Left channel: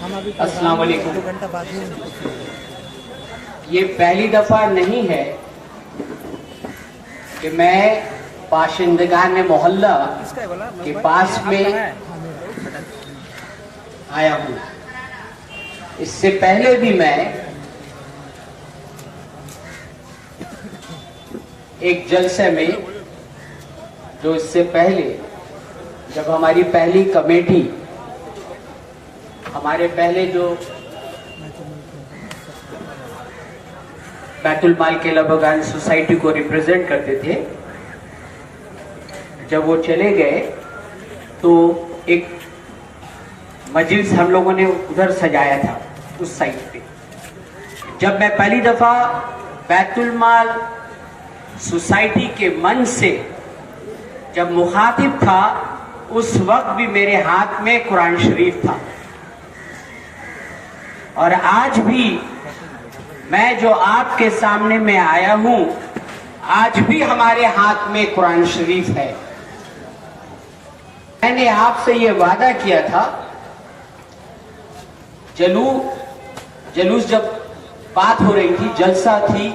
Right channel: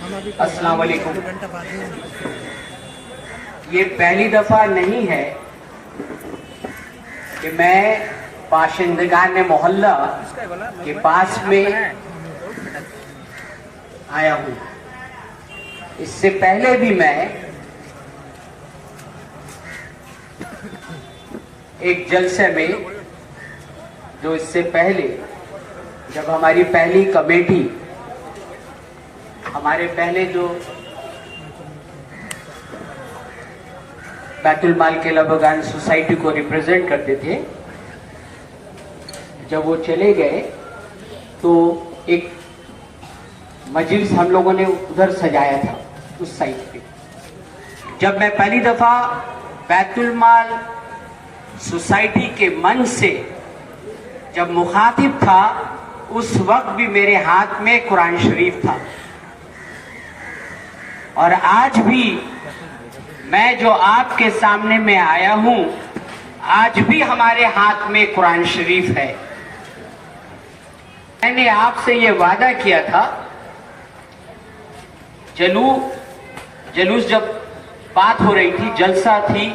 अस्सलाम वालेकुम। ये पहली दफा नहीं है कि मैं बाशिंदगान मोहल्ला के पास में आया हूँ। इससे पहले भी मैं एक जलसे में, जो इससे पहले जब हमारी पहली कमेटी, हमारे पहले जो बैतुल माल के लबगान सोसाइटी को रिप्रेजेंट करते थे, जब वो चले गए तो एक मजलिस हम लोगों ने उधर सजाया था उस साइड पे। जब मैं पहली दफा बैतुल माल सोसाइटी के मंच से जब मुखातिब था, उस वक्त भी मेरे हाथ में कुरान शरीफ था। और आज भी मैं जो आपके सामने में आया हूं, आज भी हमारे हाथ में कुरान शरीफ है। मैंने आपसे ये वादा किया था, जलूस जब बात हो रही थी, जलसा थी,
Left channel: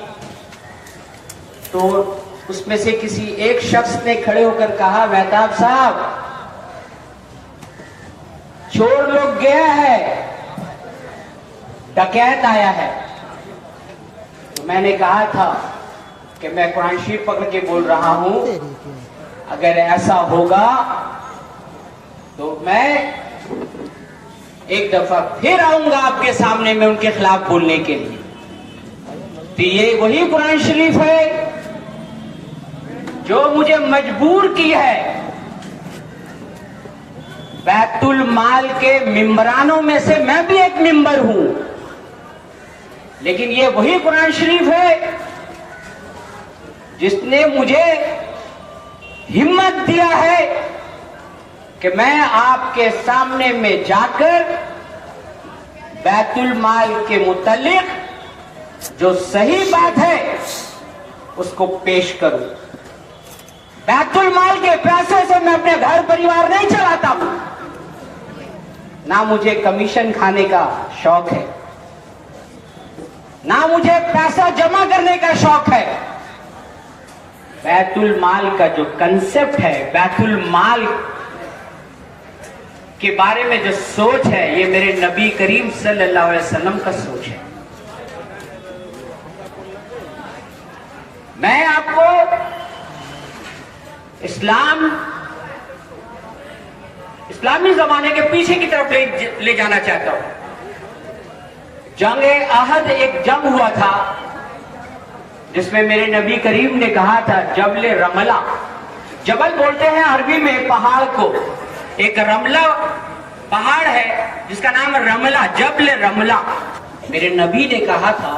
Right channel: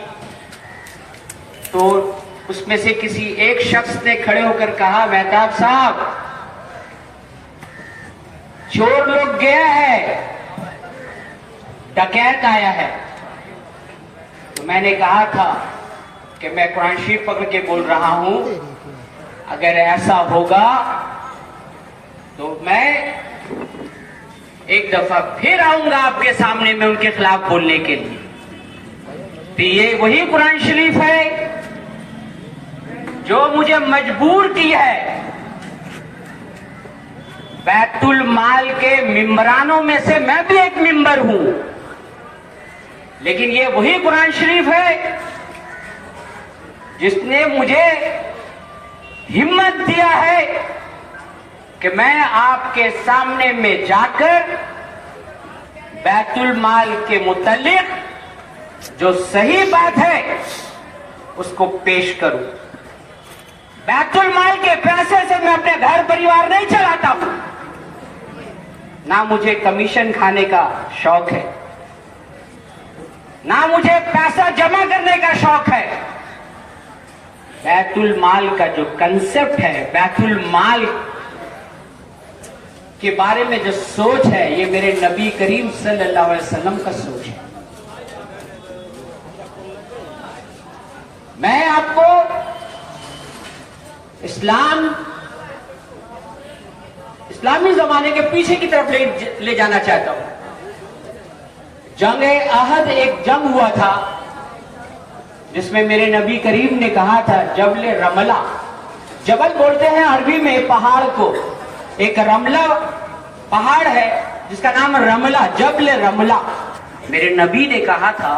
तो उसमें से किसी एक शख्स ने खड़े होकर कहा, मेहताब साहब चोर लोग गया है, डकैत आया है। तो मैंने कहा था कि मैं कुरान शरीफ पकड़ के बोल रहा हूं, अगर ऐसा होगा तो मैं एक दफा फिर आऊंगा आपके सामने में उनके खिलाफ बोलने के लिए। तो ये वही कुरान शरीफ है जो मुझे मजबूर की है। बैतुल माल के मिंबरानों में से मैं भी एक मिंबर हूं, लेकिन ये वही कुरान शरीफ है जिसने मुझे हिम्मत दिया है कि मैं आपके सामने में जाकर बैतुल माल के मुतल्लिक जो सही बात है उसको पेश करूं। बैतुल माल के पैसे से मैं अपने घर परिवार नहीं चलाता हूं, ना मुझे कमीशन खाने का शौक है, ना मुझे पैसा जमा करने का शौक है। बैतुल माल का जो कंसेप्ट है, बैतुल माल के बारे में जो सोच है, ये मेरे नबी करीम सल्लल्लाहु अलैहि वसल्लम का सोच है। मैं आपको इस्लामी जमाने के पीछे की तरफ ले जाना चाहता हूं। जंग-ए-अहद एक जंग हुआ था जिसमें मेरे नबी करीम ने कहा था, जबल रमला, जबल बोलते हैं अरबी में पहाड़ को, एक रमला पहाड़ है जिसका नाम रमला, जबल रमला। मेरे नबी ने कहा था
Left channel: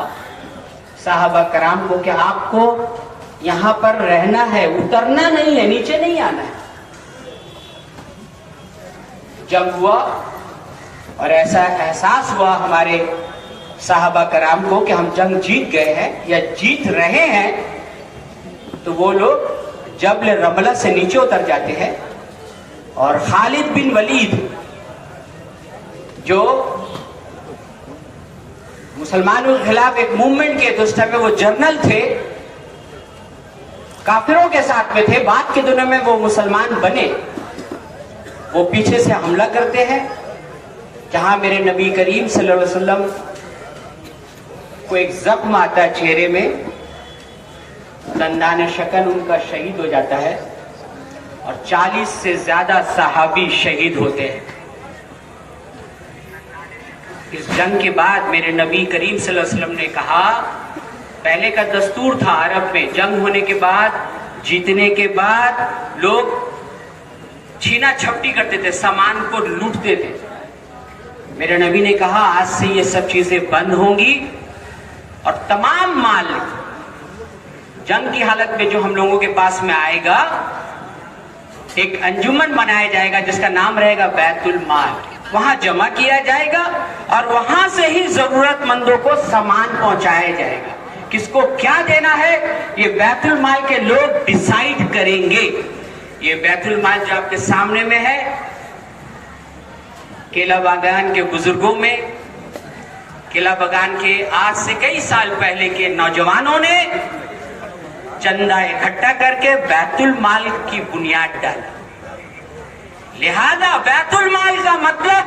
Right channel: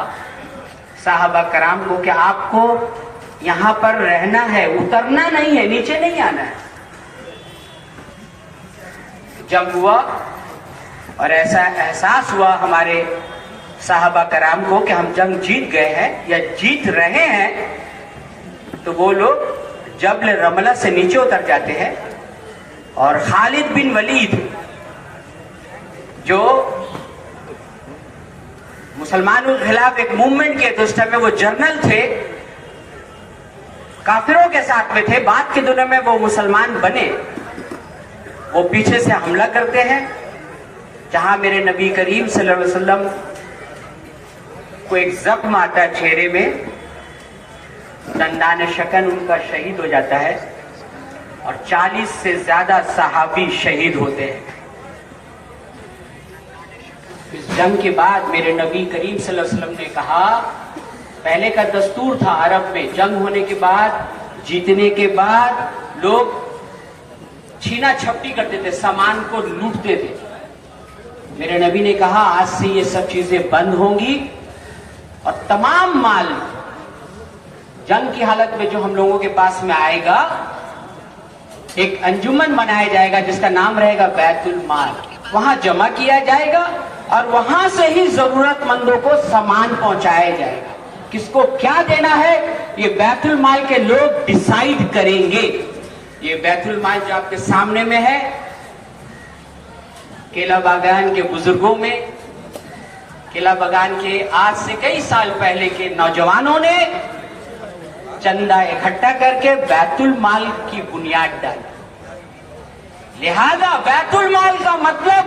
साहबा कराम को कि आपको यहां पर रहना है, उतरना नहीं है, नीचे नहीं आना है। जंग हुआ और ऐसा एहसास हुआ हमारे साहबा कराम को कि हम जंग जीत गए हैं या जीत रहे हैं, तो वो लोग जबल रमला से नीचे उतर जाते हैं। और खालिद बिन वलीद जो मुसलमानों के खिलाफ एक मूवमेंट के, तो उस टाइम में वो जर्नल थे, काफिरों के साथ में थे, बाद के दिनों में वो मुसलमान बने। वो पीछे से हमला करते हैं, जहां मेरे नबी करीम सल्लल्लाहु अलैहि वसल्लम को एक जख्म आता है चेहरे में, दंदान शकन उनका शहीद हो जाता है और 40 से ज्यादा सहाबी शहीद होते हैं। इस जंग के बाद मेरे नबी करीम सल्लल्लाहु अलैहि वसल्लम ने कहा, पहले का दस्तूर था अरब में, जंग होने के बाद, जीतने के बाद लोग छीना झपटी करते थे, सामान को लूटते थे। मेरे नबी ने कहा, आज से ये सब चीजें बंद होंगी और तमाम माल जंग की हालत में जो हम लोगों के पास में आएगा, एक अंजुमन बनाया जाएगा जिसका नाम रहेगा बैतुल माल। वहां जमा किया जाएगा और वहां से ही जरूरतमंदों को सामान पहुंचाया जाएगा। किसको क्या देना है, ये बैतुल माल के लोग डिसाइड करेंगे। ये बैतुल माल जो आपके सामने में है, केला बागान के बुजुर्गों में, केला बागान के आज से कई साल पहले के नौजवानों ने चंदा इकट्ठा करके बैतुल माल की बुनियाद डाली। लिहाजा बैतुल माल का मतलब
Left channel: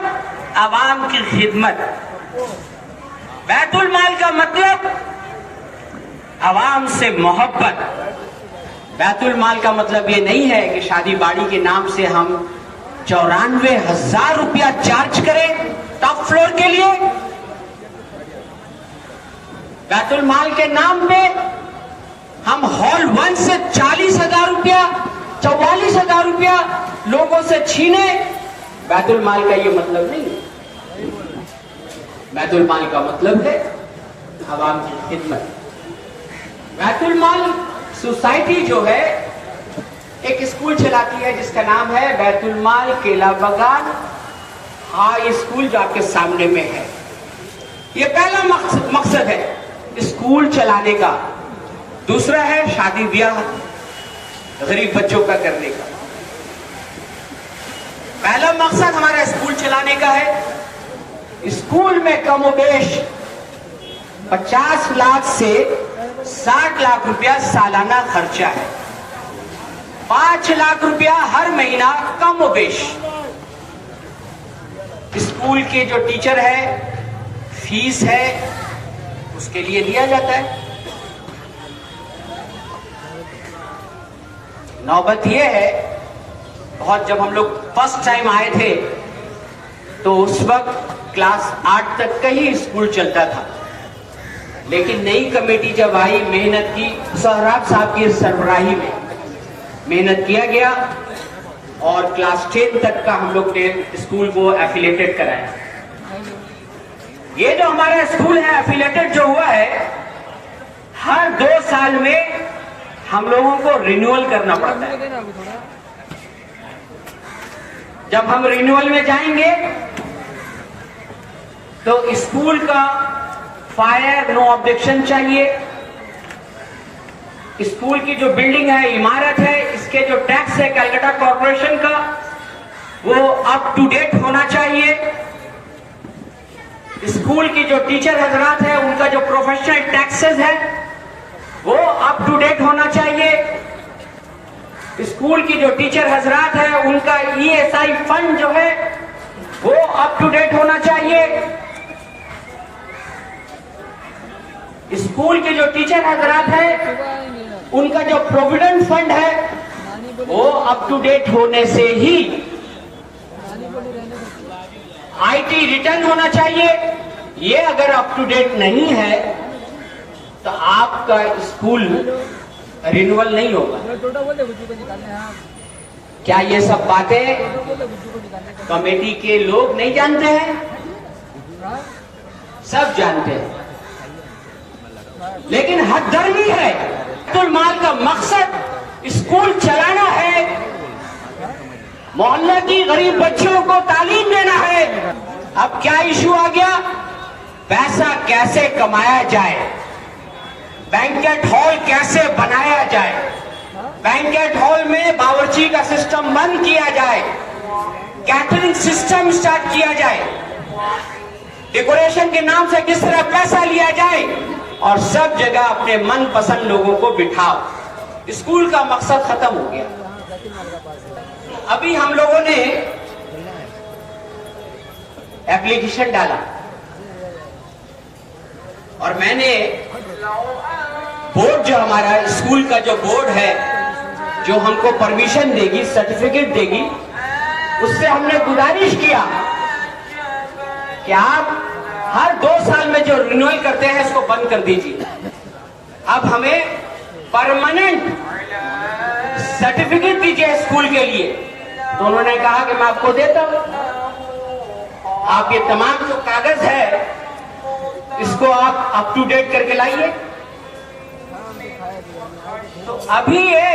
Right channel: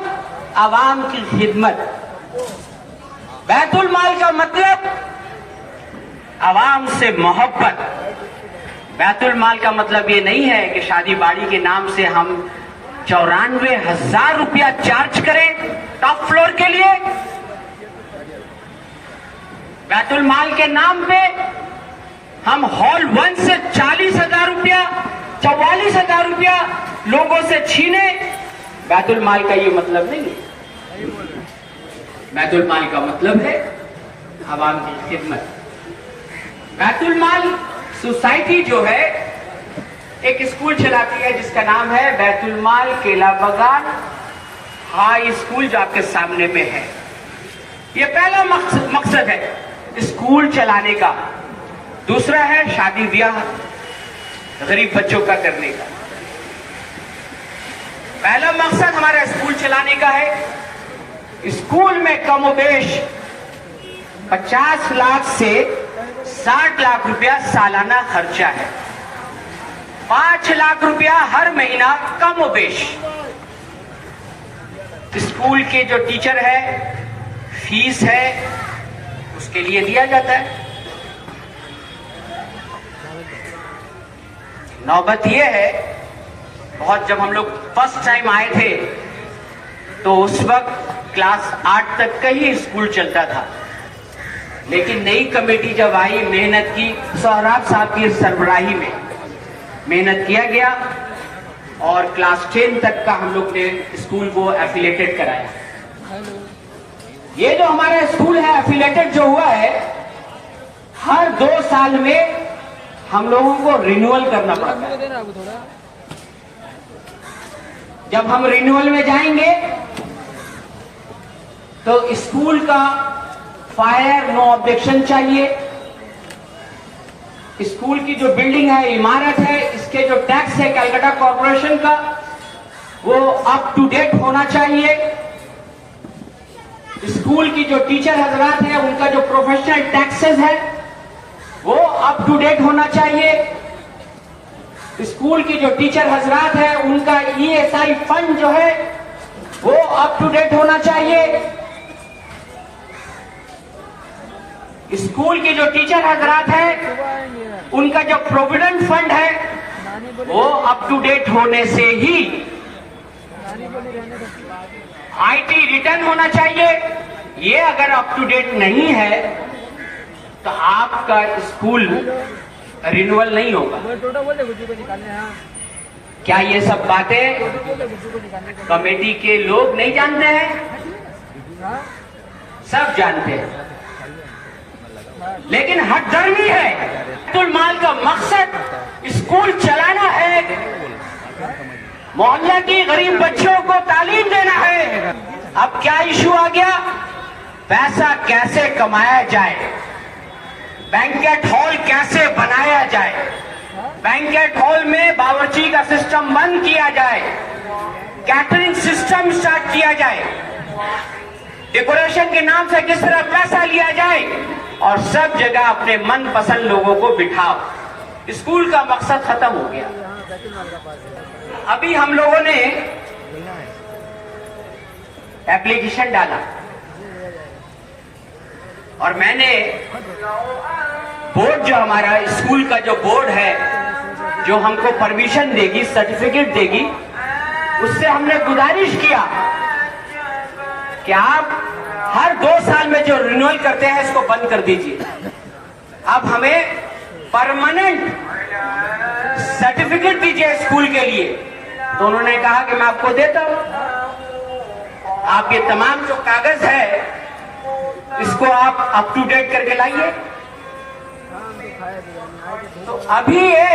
आवाम की खिदमत, बैतुल माल का मतलब आवाम से मोहब्बत। बैतुल माल का मतलब ये नहीं है कि शादी बाड़ी के नाम से हम 94,000 रुपया चार्ज करें टॉप फ्लोर के लिए। बैतुल माल के नाम पे हम हॉल 1 से 40,000 रुपया, 44,000 रुपया लोगों से छीने। बैतुल माल का ये मतलब नहीं है। बैतुल माल का मतलब है आवाम की खिदमत। बैतुल माल सोसाइटी जो है एक स्कूल चलाती है जिसका नाम है बैतुल माल केला बागान हाई स्कूल, जो आपके सामने में है। ये पहला मकसद है स्कूल चलाने का। दूसरा है शादी ब्याह गरीब बच्चों का करने का। पहला मकसद हमारा स्कूल चलाने का है। स्कूल में कमोबेश 50 लाख से 60 लाख रुपया सालाना खर्चा है। 5 लाख रुपया हर महीना कमोबेश। स्कूल के जो टीचर है फीस है उसके लिए दिया जाता है। नौबत यह है, बहुत जब हम लोग फर्स्ट टाइम आए थे तो उस वक्त क्लास 8 तक का ही स्कूल चलता था, लेकिन नई कमेटी जब आई, मेहनत की, सोहराब साहब की सरबराही में मेहनत किया गया और क्लास 10 तक का हम लोग ने स्कूल को एफिलेटेड कराया। ये जो हमारा स्कूल है एफिलेटेड जो हुआ है, हर 2 साल में हम लोगों को रिन्यूअल करना पड़ता है। जब हम रिन्यूअल में जाएंगे तो स्कूल का फायर नो ऑब्जेक्शन चाहिए। स्कूल की जो बिल्डिंग है, इमारत है, इसके जो टैक्स है कलकत्ता कॉर्पोरेशन का, वो अप टू डेट होना चाहिए। स्कूल की जो टीचर हजरात है उनका जो प्रोफेशनल टैक्सेस है वो अप टू डेट होना चाहिए। स्कूल की जो टीचर हजरात है उनका ESI फंड जो है वो अप टू डेट होना चाहिए। स्कूल के जो टीचर हजरात है उनका जो प्रोविडेंट फंड है वो अप टू डेट होने से ही IT रिटर्न होना चाहिए। ये अगर अप टू डेट नहीं है तो आपका स्कूल रिन्यूअल नहीं होगा। क्या ये सब बातें कमेटी के लोग नहीं जानते हैं? सब जानते हैं, लेकिन हकदर्मी है। बैतुल माल का मकसद स्कूल चलाना है, मोहल्ला की गरीब बच्चों को तालीम देना है। अब क्या इशू आ गया? पैसा कैसे कमाया जाए, बैंकेट हॉल कैसे बनाया जाए, बैंकेट हॉल में बावर्ची का सिस्टम बंद किया जाए, कैटरिंग सिस्टम स्टार्ट किया जाए, डेकोरेशन के नाम से किस तरह पैसा लिया जाए और सब जगह अपने मनपसंद लोगों को बिठाओ। स्कूल का मकसद खत्म हो गया। अभी हम लोगों ने एप्लीकेशन डाला और मैंने बोर्ड, जो हमारा स्कूल का जो बोर्ड है जो हमको परमिशन देगी, सर्टिफिकेट देगी, उससे हमने गुजारिश किया कि आप हर 2 साल में जो रिन्यूअल करते हैं इसको बंद कर दीजिए। अब हमें परमानेंट सर्टिफिकेट दीजिए स्कूल के लिए। तो उन्होंने कहा कि मैं आपको देता हूं, आप ये तमाम जो कागज है इसको आप अप टू डेट करके लाइए। तो अभी ये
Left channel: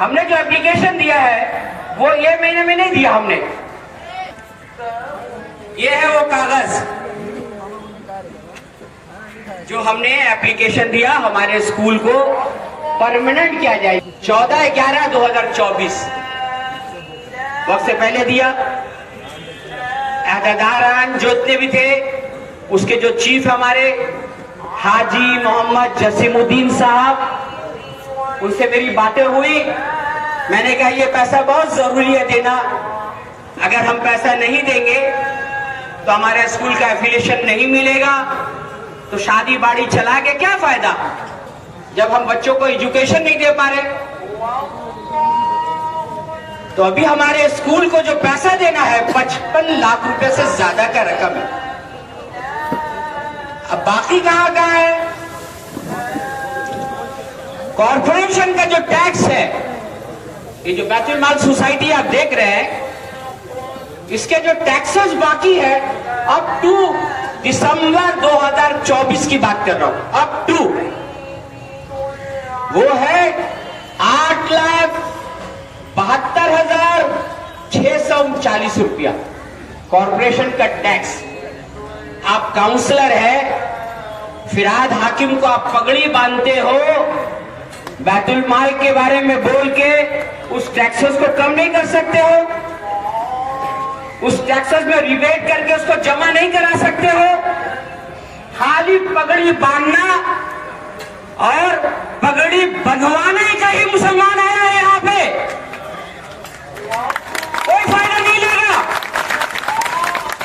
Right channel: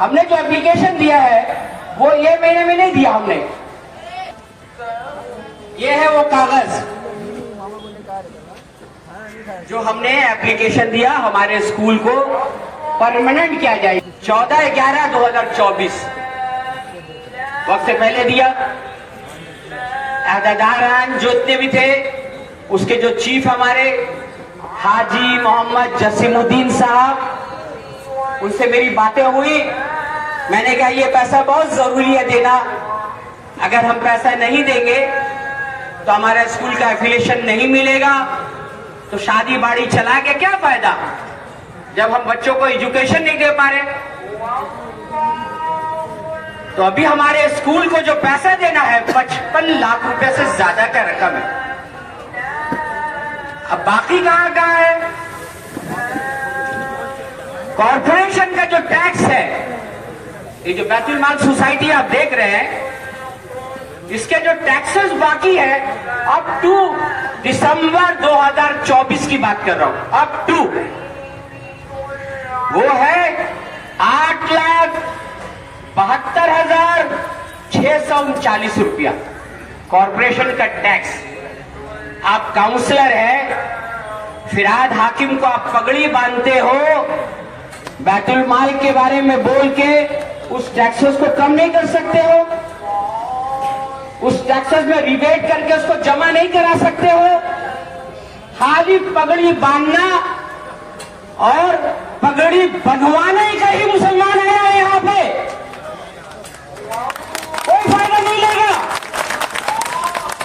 हमने जो एप्लीकेशन दिया है वो ये महीने में नहीं दिया हमने। ये है वो कागज जो हमने एप्लीकेशन दिया हमारे स्कूल को परमानेंट किया जाए। 14/11/2024 वक्त से पहले दिया, अहदेदारान जितने भी थे, उसके जो चीफ हमारे हाजी मोहम्मद जसीमुद्दीन साहब, उनसे मेरी बातें हुई। मैंने कहा ये पैसा बहुत जरूरी है देना, अगर हम पैसा नहीं देंगे तो हमारे स्कूल का एफिलिएशन नहीं मिलेगा, तो शादी बाड़ी चला के क्या फायदा जब हम बच्चों को एजुकेशन नहीं दे पा रहे। तो अभी हमारे स्कूल को जो पैसा देना है 55 लाख रुपए से ज्यादा का रकम है। अब बाकी कहां है? कॉर्पोरेशन का जो टैक्स है, ये जो बैतुल माल सोसाइटी आप देख रहे हैं, इसके जो टैक्सेस बाकी है अप टू दिसंबर 2024 की बात कर रहा हूं, अप टू, वो है 8,72,639 रुपया कॉर्पोरेशन का टैक्स। आप काउंसलर है, फिराद हाकिम को आप पगड़ी बांधते हो, बैतुल माल के बारे में बोल के उस टैक्सेस को कम नहीं कर सकते हो, उस टैक्सेस में रिबेट करके उसको जमा नहीं करा सकते हो। खाली पगड़ी बांधना और पगड़ी बंधवाने का ही मुसलमान आया है यहां पे, कोई फायदा नहीं लेगा,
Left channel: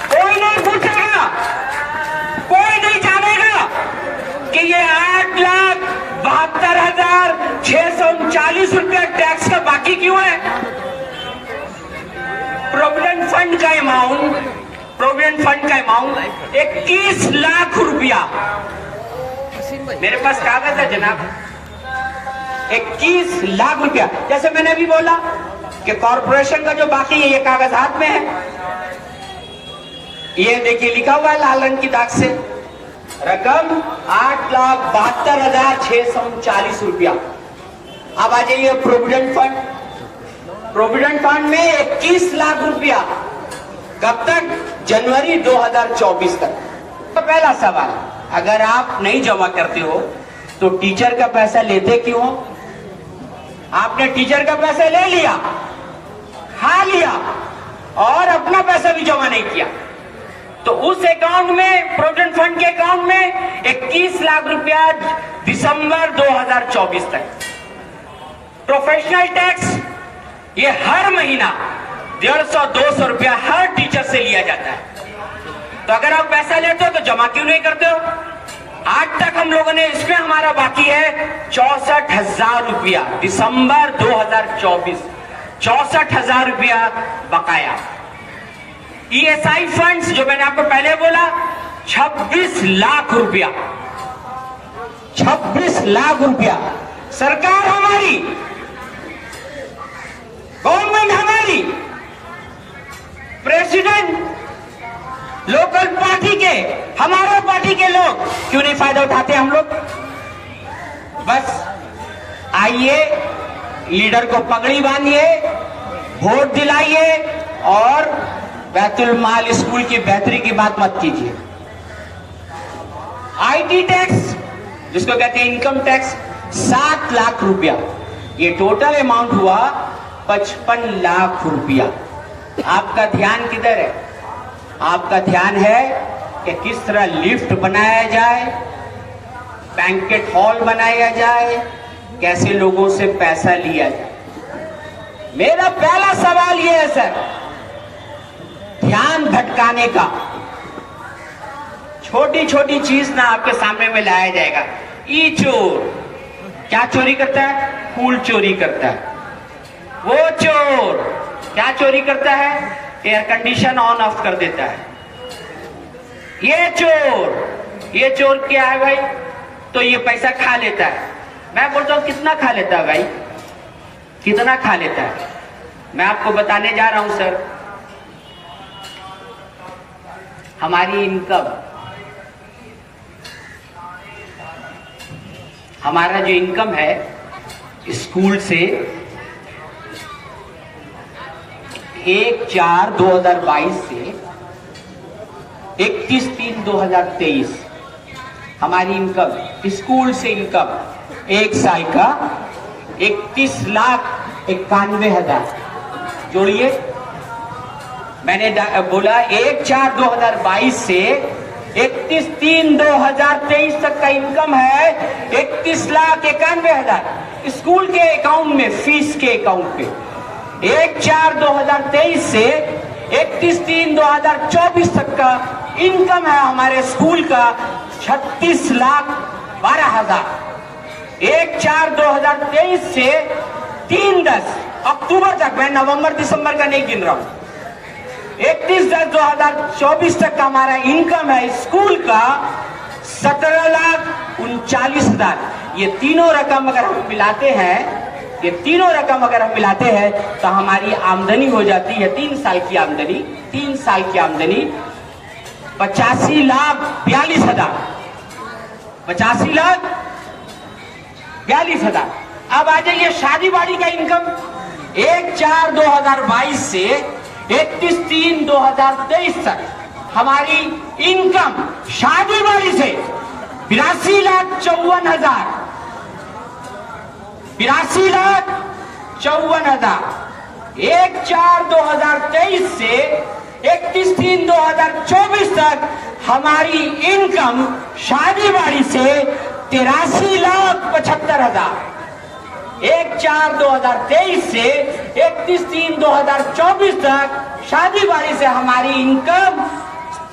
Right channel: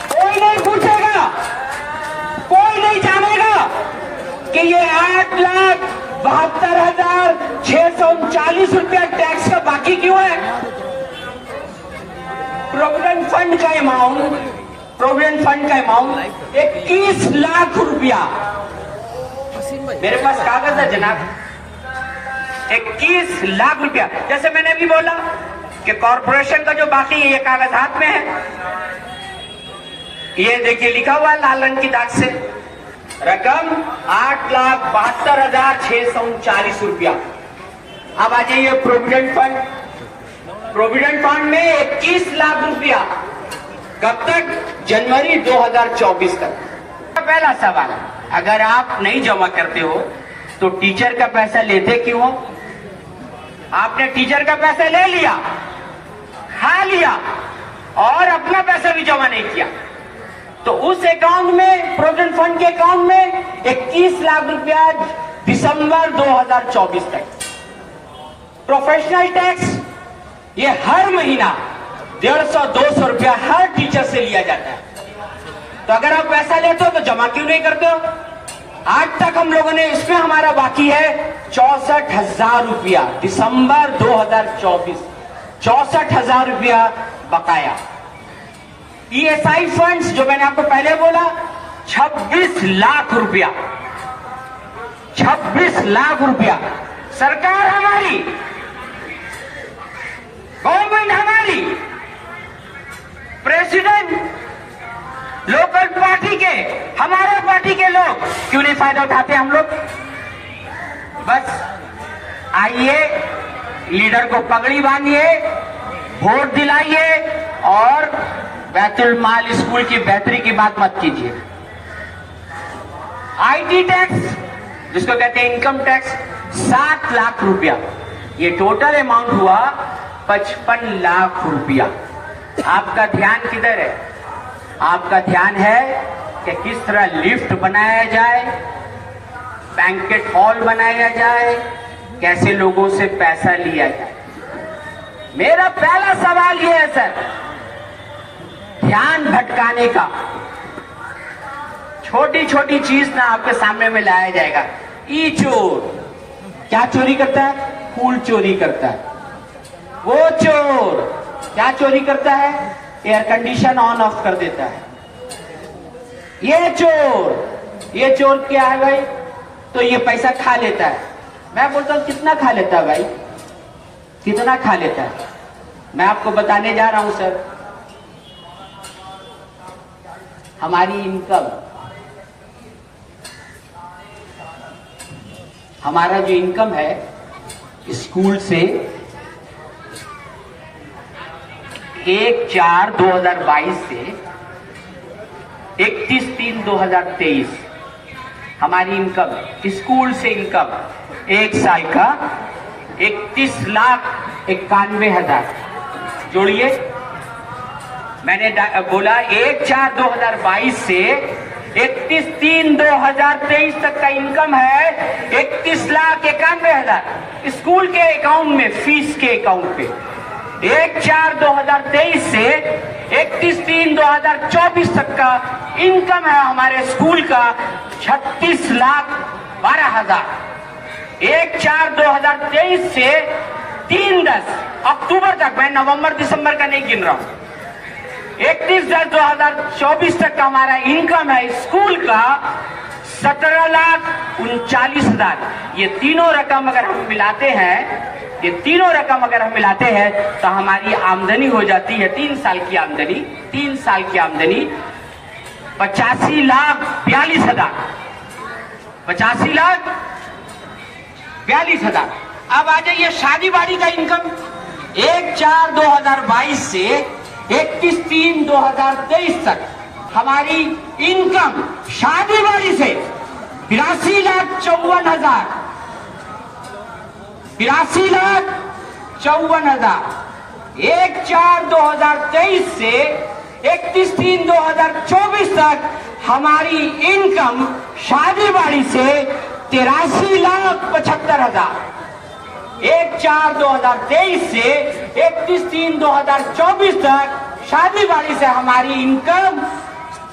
कोई नहीं पूछेगा, कोई नहीं जानेगा कि ये 8,72,639 रुपया टैक्स का बाकी क्यों है। प्रोविडेंट फंड का अमाउंट 21 लाख रुपया, मेरे पास कागज है जनाब, 21 लाख रुपया। जैसे मैंने अभी बोला कि कॉर्पोरेशन का जो बाकी है, ये कागज हाथ में है, ये देखिए लिखा हुआ लाल रंग की दाग से, रकम 8,72,639 रुपया। अब आ जाइए प्रोविडेंट फंड में 21 लाख रुपया, कब तक? जनवरी 2024 तक। पहला सवाल, अगर आप नहीं जमा करते हो तो टीचर का पैसा लेते क्यों हो? आपने टीचर का पैसा ले लिया, खा लिया और अपना पैसा भी जमा नहीं किया, तो उस अकाउंट में, प्रोविडेंट फंड के अकाउंट में 21 लाख रुपया दिसंबर 2024 तक। प्रोफेशनल टैक्स, ये हर महीना 150-200 रुपया हर टीचर से लिया जाता है। तो अगर आप पैसा लेते हो तो जमा क्यों नहीं करते हो? आज तक हम लोगों ने, इसमें हमारा बाकी है 64,000 रुपया, दिसंबर 2024 64,000 रुपया बकाया। ESI फंड्स जो मैंने आपको पहले बोला 26 लाख रुपया, 26 लाख रुपया। सरकार हमारी, गवर्नमेंट हमारी, प्रेसिडेंट लोकल पार्टी के, हमारे पार्टी के लोग क्यों नहीं फायदा उठाते? हम लोग बस आइए, लीडर को पगड़ी बांधिए, वोट दिलाइए और बैतुल माल स्कूल की बेहतरी की बात मत कीजिए। IT टैक्स, जिसको कहते हैं इनकम टैक्स, 7 लाख रुपया, ये टोटल अमाउंट हुआ 55 लाख रुपया। आपका ध्यान किधर है? आपका ध्यान है कि किस तरह लिफ्ट बनाया जाए, बैंकेट हॉल बनाया जाए, कैसे लोगों से पैसा लिया जाए। मेरा पहला सवाल यह है सर, ध्यान भटकाने का। छोटी छोटी चीज ना आपके सामने में लाया जाएगा। ई चोर क्या चोरी करता है? फूल चोरी करता है। वो चोर क्या चोरी करता है? एयर कंडीशन ऑन ऑफ कर देता है। ये चोर क्या है भाई? तो ये पैसा खा लेता है। मैं बोलता हूं कितना खा लेता है भाई, कितना खा लेता है? मैं आपको बताने जा रहा हूं सर, हमारी इनकम, हमारा जो इनकम है स्कूल से 1/4/2022 से 31/3/2023 हमारी इनकम, स्कूल से इनकम एक साल का 31,91,000 जोड़िए, मैंने बोला 1/4/2022 से 31/3/2023 तक का इनकम है 31,91,000 स्कूल के अकाउंट में, फीस के अकाउंट पे। 1/4/2023 से 31/3/2024 तक का इनकम है हमारे स्कूल का 36,12,000। 1/4/2023 से 3/10 अक्टूबर तक, मैं नवंबर दिसंबर का नहीं गिन रहा हूं, 31/10/2024 तक का हमारा इनकम है स्कूल का 17,39,000। ये तीनों रकम अगर हम मिलाते हैं, ये तीनों रकम अगर हम मिलाते हैं तो हमारी आमदनी हो जाती है 3 साल की आमदनी, 3 साल की आमदनी 85,42,000, 85,42,000। अब आ जाइए शादी बाड़ी का इनकम। 1/4/2022 से 31/3/2023 तक हमारी इनकम शादी बाड़ी से 82,54,000, 82,54,000। 1/4/2023 से 31/3/2024 तक हमारी इनकम शादी बाड़ी से 83,75,000। 1/4/2023 से 31/3/2024 तक शादी बाड़ी से हमारी इनकम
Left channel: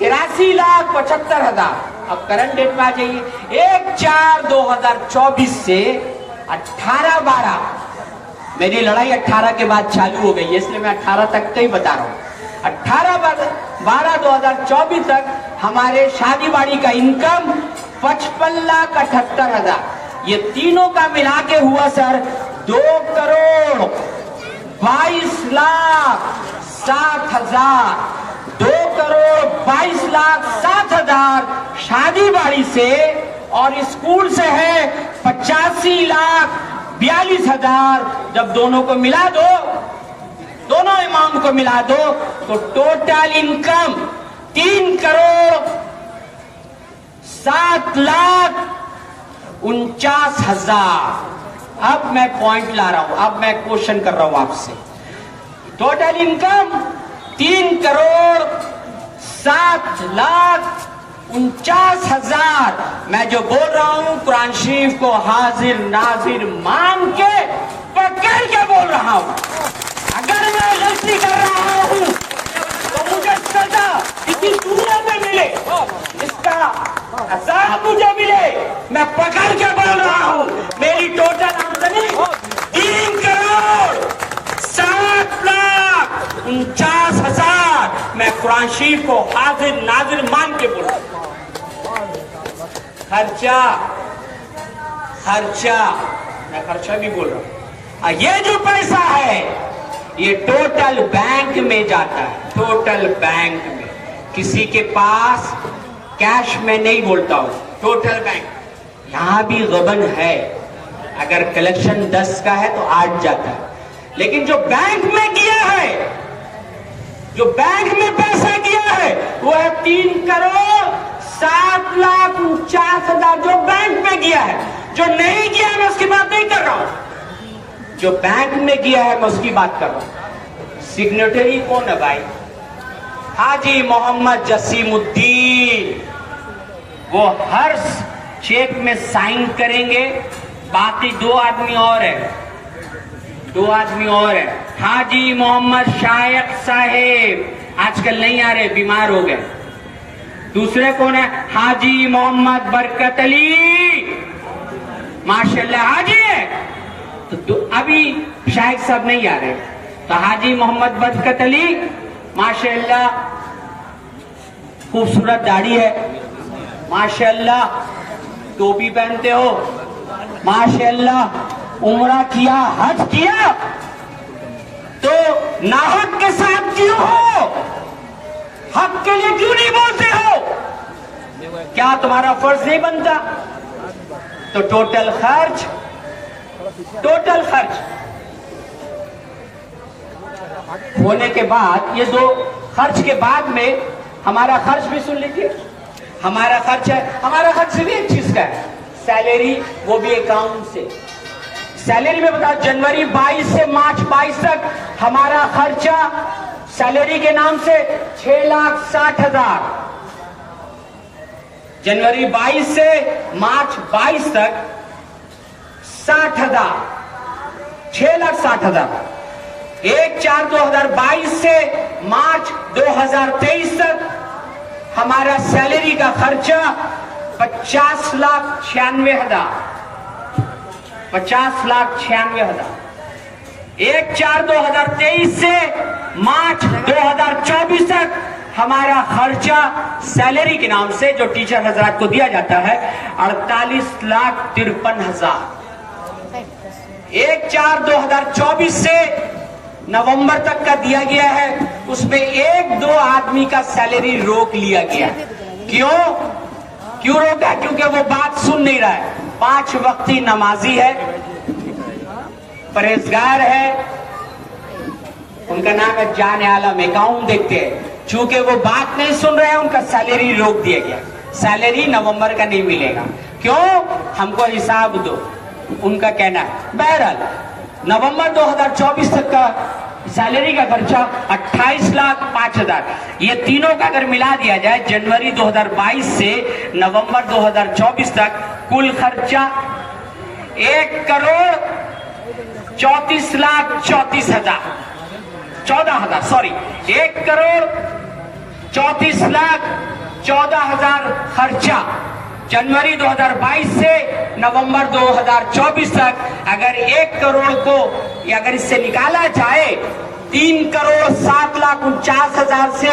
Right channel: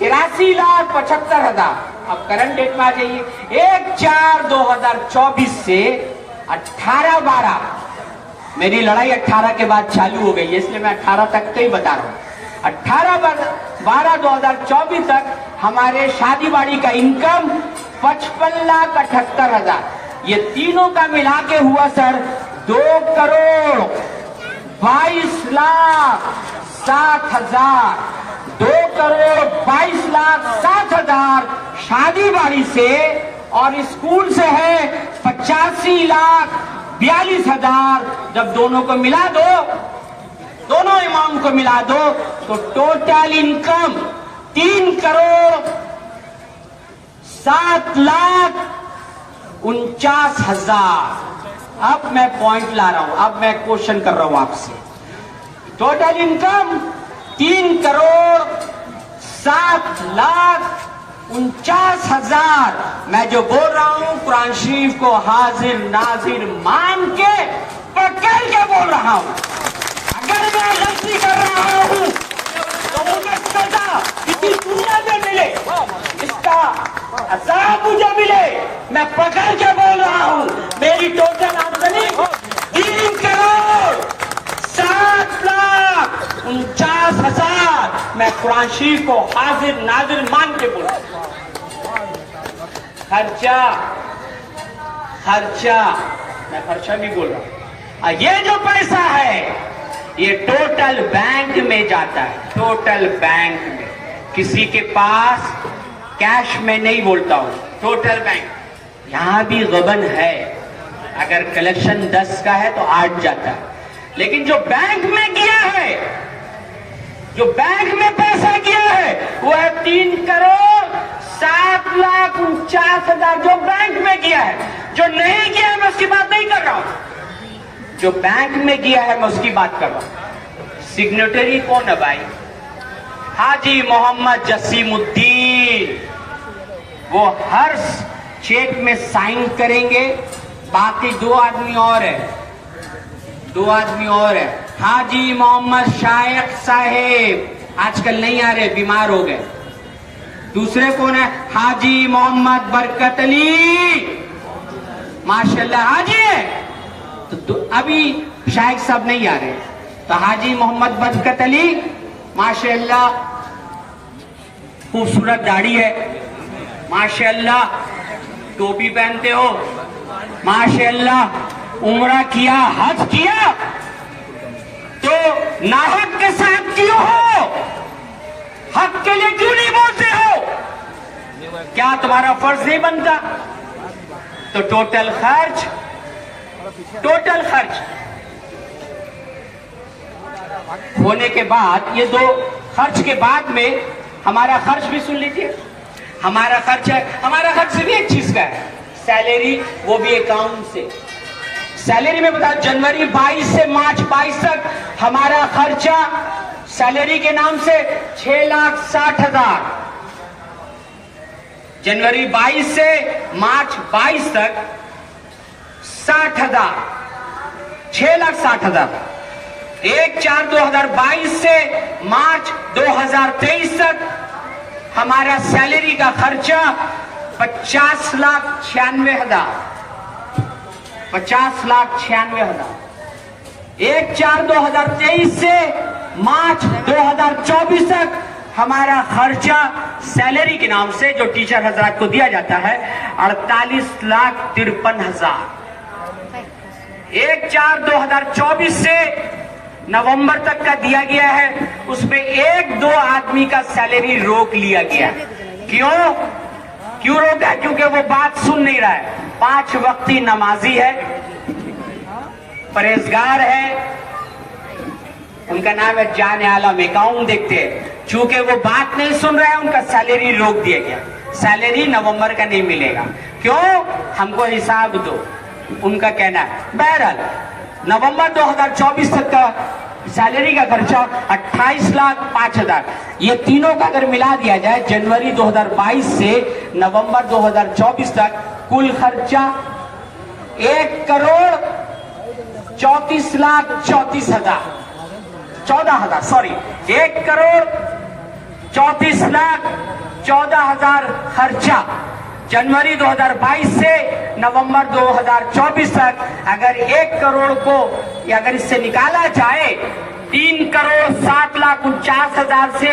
83,75,000। अब करंट डेट में आ जाइए। 1/4/2024 से 18/12, मेरी लड़ाई 18 के बाद चालू हो गई है, इसलिए मैं 18 तक का ही बता रहा हूं। 18/12/2024 तक हमारे शादी बाड़ी का इनकम 55,78,000। ये तीनों का मिला के हुआ सर 2,22,07,000। 2,22,07,000 शादी बाड़ी से, और स्कूल से है 85,42,000। जब दोनों को मिला दो, दोनों अमाउंट को मिला दो तो टोटल इनकम 3,07,49,000। अब मैं पॉइंट ला रहा हूं, अब मैं क्वेश्चन कर रहा हूं आपसे। Total income 3,07,49,000। मैं जो बोल रहा हूं कुरान शरीफ को हाजिर नाजिर मान के पकड़ के बोल रहा हूं। अगर मैं गलती कर रहा हूं तो मुझे सजा किसी दुनिया में मिले, इसका अज़ाब मुझे मिले। मैं पकड़ के बोल रहा हूं मेरी टोटल आमदनी 3,07,49,000। मैं कुरान शरीफ को हाजिर नाजिर मान के बोल रहा हूं। खर्चा, मैं खर्चा भी बोल रहा हूं। ये जो पैसा है ये टोटल बैंक में जाता है, टोटल बैंक में। किसी के पास कैश में नहीं बोलता हूं, टोटल बैंक। यहां भी गबन है, अगर कलेक्शन 10 का है तो 8 जाता है, लेकिन जो बैंक में किया है, जो बैंक में पैसा किया है वो है 3,07,49,000 जो बैंक में किया है। जो नहीं किया है मैं उसकी बात नहीं कर रहा हूं, जो बैंक में किया है मैं उसकी बात कर रहा हूं। सिग्नेटरी कौन है भाई? हाजी मोहम्मद जसीमुद्दीन। वो हर चेक में साइन करेंगे। बाकी 2 आदमी और है, 2 आदमी और है। हाजी मोहम्मद शायक साहेब आजकल नहीं आ रहे, बीमार हो गए। दूसरे कौन है? हाजी मोहम्मद बरकत अली, माशाल्लाह हाजी है। तो अभी शायक साहब नहीं आ रहे, तो हाजी मोहम्मद बरकत अली माशाल्लाह, खूबसूरत दाढ़ी है माशाल्लाह, टोपी पहनते हो माशाल्लाह, उम्रा किया, हज किया, तो नाहक के साथ क्यों हो? हक के लिए क्यों नहीं बोलते हो? क्या तुम्हारा फर्ज नहीं बनता? तो टोटल खर्च होने के बाद, ये 2 खर्च के बाद में हमारा खर्च भी सुन लीजिए। हमारा खर्च है, हमारा खर्च सिर्फ एक चीज का है, सैलरी, वो भी अकाउंट से। सैलरी में बता, जनवरी 22 से मार्च 22 तक हमारा खर्चा सैलरी के नाम से 6,60,000। जनवरी 22 से मार्च 22 तक 60,000, 6,60,000। 1/4/2022 से मार्च 2023 तक हमारा सैलरी का खर्चा 50,96,000, 50,96,000। 1/4/2023 से मार्च 2024 तक हमारा खर्चा सैलरी के नाम से जो टीचर हजरात को दिया जाता है 48,53,000। 1/4/2024 से नवंबर तक का दिया गया है, उसमें 1-2 आदमी का सैलरी रोक लिया गया। क्यों रोका? क्योंकि वो बात सुन नहीं रहा है। 5 वक्ती नमाजी है, परहेजगार है, उनका नाम है जान आलम, अकाउंट देखते हैं। चूंकि वो बात नहीं सुन रहे हैं, उनका सैलरी रोक दिया गया। सैलरी नवंबर का नहीं मिलेगा। क्यों? हमको हिसाब दो, उनका कहना है। बहरहाल नवंबर 2024 तक का सैलरी का खर्चा 28,05,000। ये तीनों का अगर मिला दिया जाए जनवरी 2022 से नवंबर 2024 तक कुल खर्चा 1,34,34,000, 14,000, सॉरी, 1,34,14,000 खर्चा जनवरी 2022 से नवंबर 2024 तक। अगर 1 करोड़ को या अगर इससे निकाला जाए 3,07,49,000 से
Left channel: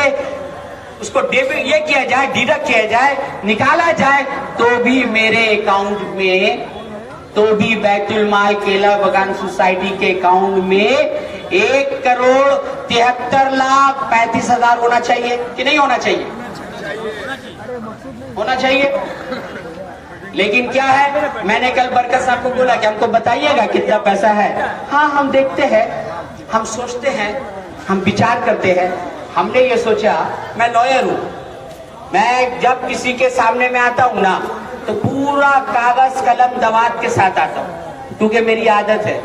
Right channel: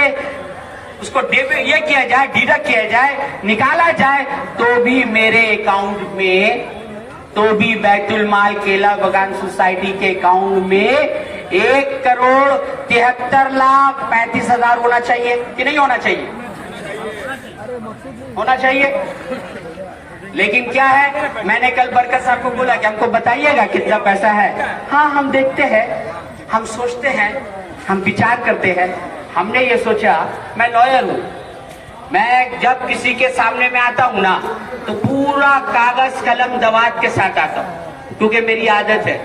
उसको ये किया जाए, डिडक्ट किया जाए, निकाला जाए, तो भी मेरे अकाउंट में, तो भी बैतुल माल केला बगान सोसाइटी के अकाउंट में 1,73,35,000 होना चाहिए कि नहीं होना चाहिए? होना चाहिए। लेकिन क्या है, मैंने कल बरकत साहब को बोला कि हमको बताइएगा कितना पैसा है। हाँ, हम देखते हैं, हम सोचते हैं, हम विचार करते हैं। हमने ये सोचा, मैं लॉयर हूं, मैं जब किसी के सामने में आता हूं ना तो पूरा कागज कलम दवात के साथ आता हूं, क्योंकि मेरी आदत है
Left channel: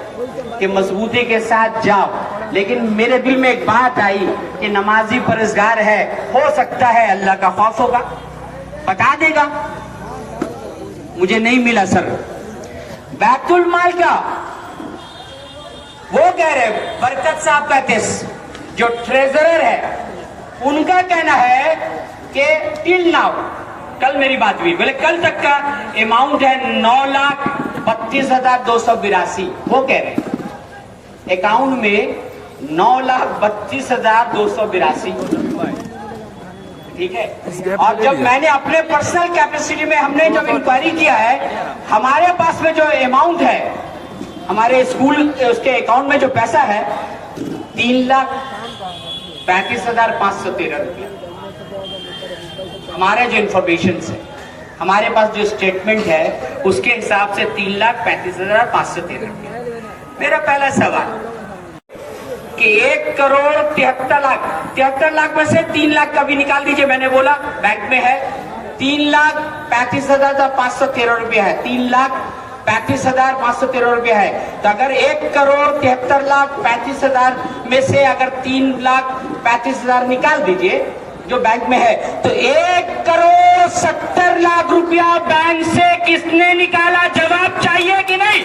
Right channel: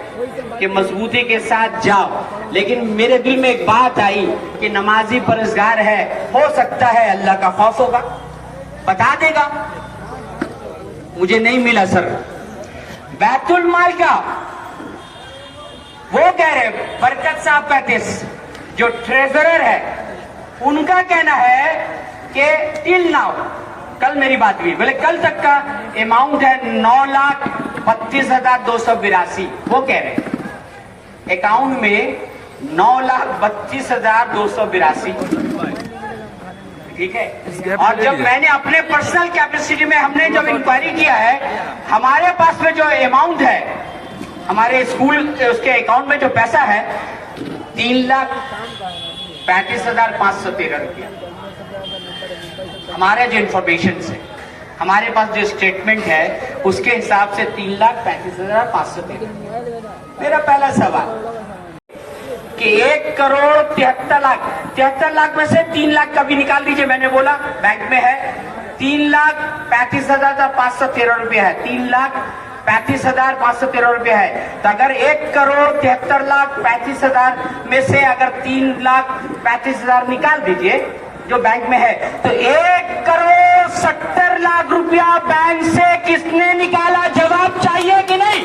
कि मजबूती के साथ जाओ। लेकिन मेरे दिल में एक बात आई कि नमाजी परहेजगार है, हो सकता है अल्लाह का खौफ होगा, बता देगा। मुझे नहीं मिला सर। बैतुल माल का वो कह रहे, बरकत साहब कहते, जो ट्रेजरर है उनका कहना है कि टिल नाउ, कल मेरी बात हुई, बोले कल तक का अमाउंट है 9,32,282। वो कह रहे अकाउंट में 9,32,282। ठीक है। और जब मैंने अपने पर्सनल कैपेसिटी में हमने जब इंक्वायरी किया है, हमारे पास में जो अमाउंट है, हमारे स्कूल उसके अकाउंट में जो पैसा है 3,35,513 रुपया। हमारे जो इंफॉर्मेशन से, हमारे पास जो स्टेटमेंट है उसके हिसाब से 3,35,513 रुपया। मेरा पहला सवाल कि 1,73,00,000 में से 3 लाख का भी निकाल दीजिए। मैंने बोला बैंक में है 3,35,513 रुपया है, 3,35,513 रुपया है। तो अगर 1,73,35,000 में से अगर 3,35,000 निकाल दीजिए जो बैंक में है, तो 1,70,00,000 रुपया बैंक से किसने निकाला? जवाब चाहिए कि नहीं?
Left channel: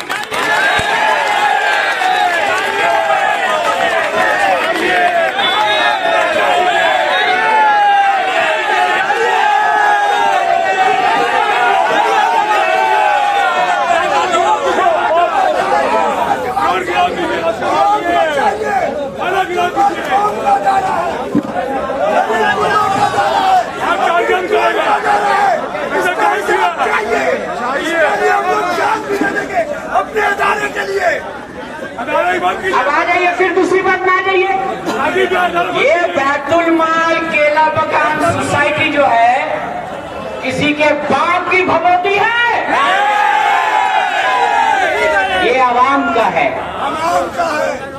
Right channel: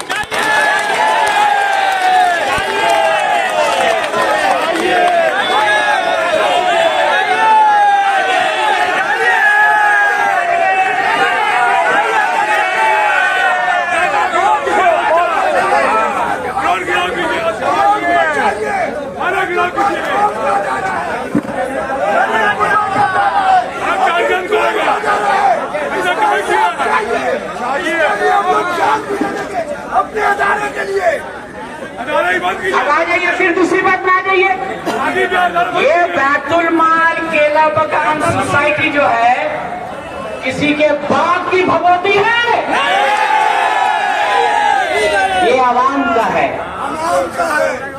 अपने अदालत के लिए अब आ जाइए, फिर दूसरी बात में आ जाइए। ये बैतुल माल केला बगान सोसाइटी जो है किसी के बाप की भगवती है, ये आवाम का है,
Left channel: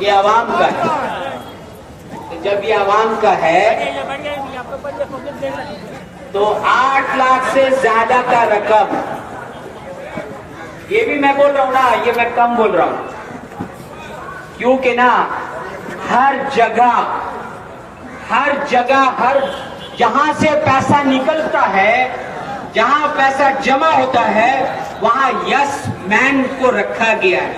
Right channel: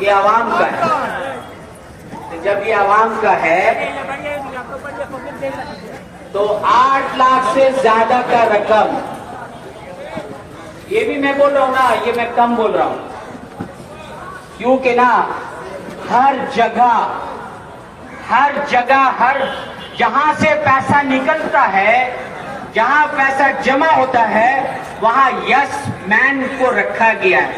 ये आवाम का है। जब ये आवाम का है तो 8 लाख से ज्यादा का रकम, ये भी मैं बोल रहा हूं ना, ये मैं कम बोल रहा हूं, क्योंकि ना हर जगह हर जगह, हर जहां से पैसा निकलता है, जहां पैसा जमा होता है, वहां यस मैन को रखा गया है,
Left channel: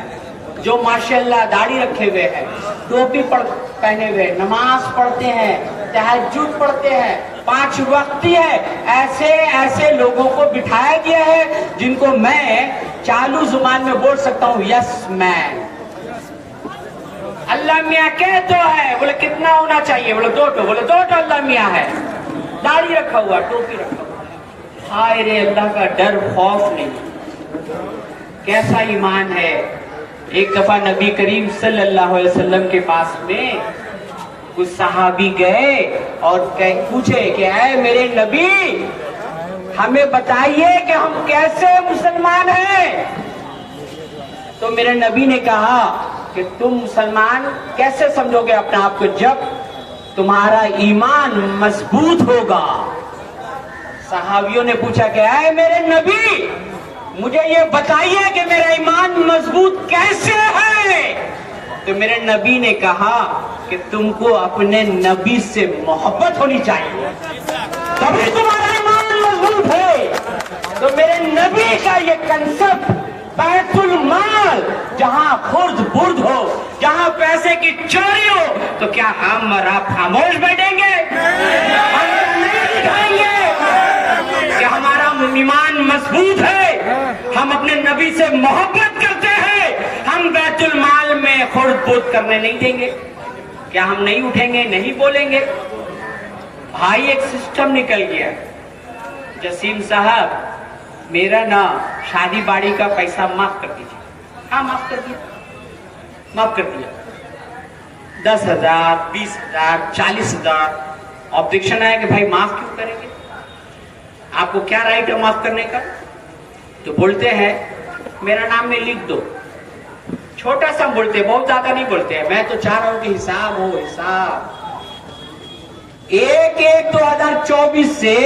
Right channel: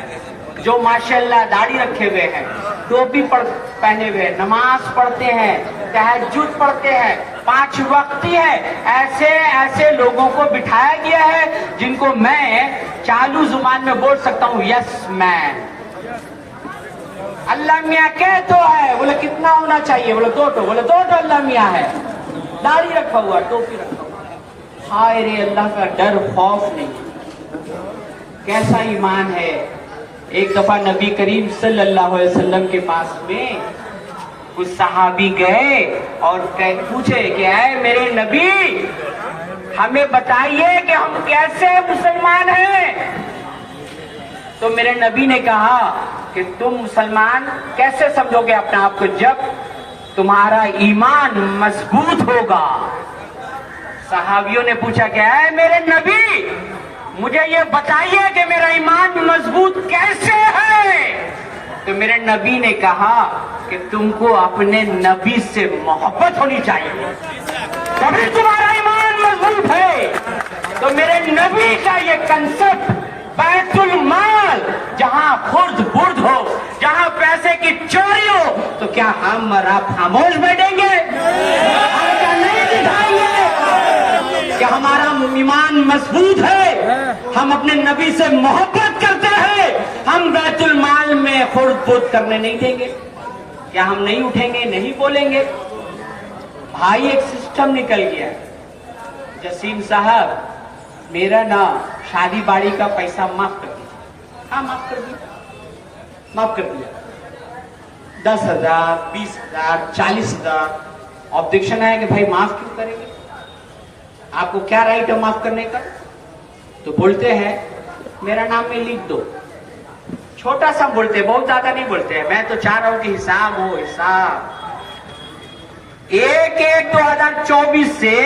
जो माशाल्लाह दाढ़ी रखे हुए हैं, टोपी पहने हुए, नमाज पढ़ते हैं, तहज्जुद पढ़ते हैं, 5 वक्त है, ऐसे ऐसे लोगों को बिठाया गया है जिनको मैं चालू जुबान में बोल सकता हूं यस मैन। अल्लाह मियाँ कह तो है, बोले कितना होना चाहिए, बोले 2 टो, बोले 2 टो अल्लाह मियाँ है, दाढ़ी रखा हुआ, टोपी रखा हुआ। हाय रे, अल्लाह का डर खौफ नहीं, कैसा ईमान है। एक दफा नबी करीम सल्लल्लाहु अलैहि वसल्लम के पास में कुछ सहाबी गए और पूछे कि ऐ मेरे नबी, हमें बताइए कि हम कैसे मुसलमान हैं। तो मेरे नबी ने कहा कि तुम मुसलमान कैसे समझोगे अपने आप को, जब तुम्हारा ईमान मजबूत होगा। सहाबियों ने पूछा कि ऐ मेरे नबी, मुझे ये बताइए कि मेरा ईमान मजबूत कैसे है। तो मेरे नबी ने कहा कि तुमको अपने नबी से मोहब्बत होनी चाहिए, तभी तुम्हारा ईमान मजबूत है। तो मेरे नबी का ये कंसेप्ट, बैतुल माल, जहां खुर्द बुर्द हो, जहां पैसे की चोरी हो, तो क्या हम और आप खामोश बैठेंगे? हम तो नहीं दिखाएंगे कि हमारा ईमान मजबूत है, हम अपने नबी से मोहब्बत करते हैं, हम बैतुल माल में खुर्द बुर्द करने नहीं देंगे। क्या हम नहीं उठेंगे, नहीं बोलेंगे? भाई एक सिस्टम निकल गया, जसीम साहब मेरा ना शादी बाड़ी का पैसा माफ कर दीजिए। हाँ माफ कर दिया, माफ कर दिया। 10,000, 20,000, 40,000। ऑब्जेक्शन आया कि भाई माफ क्यों करेंगे, आपको क्या राइट है माफ करने का? तो बोलते हैं मेरा नाम में लिख दो। छोटा सा बोलते, बहुत ज्यादा नहीं बोलते हैं। मैं तो चाह रहा हूं कि हिसाब हो, हिसाब 1/1/2024 से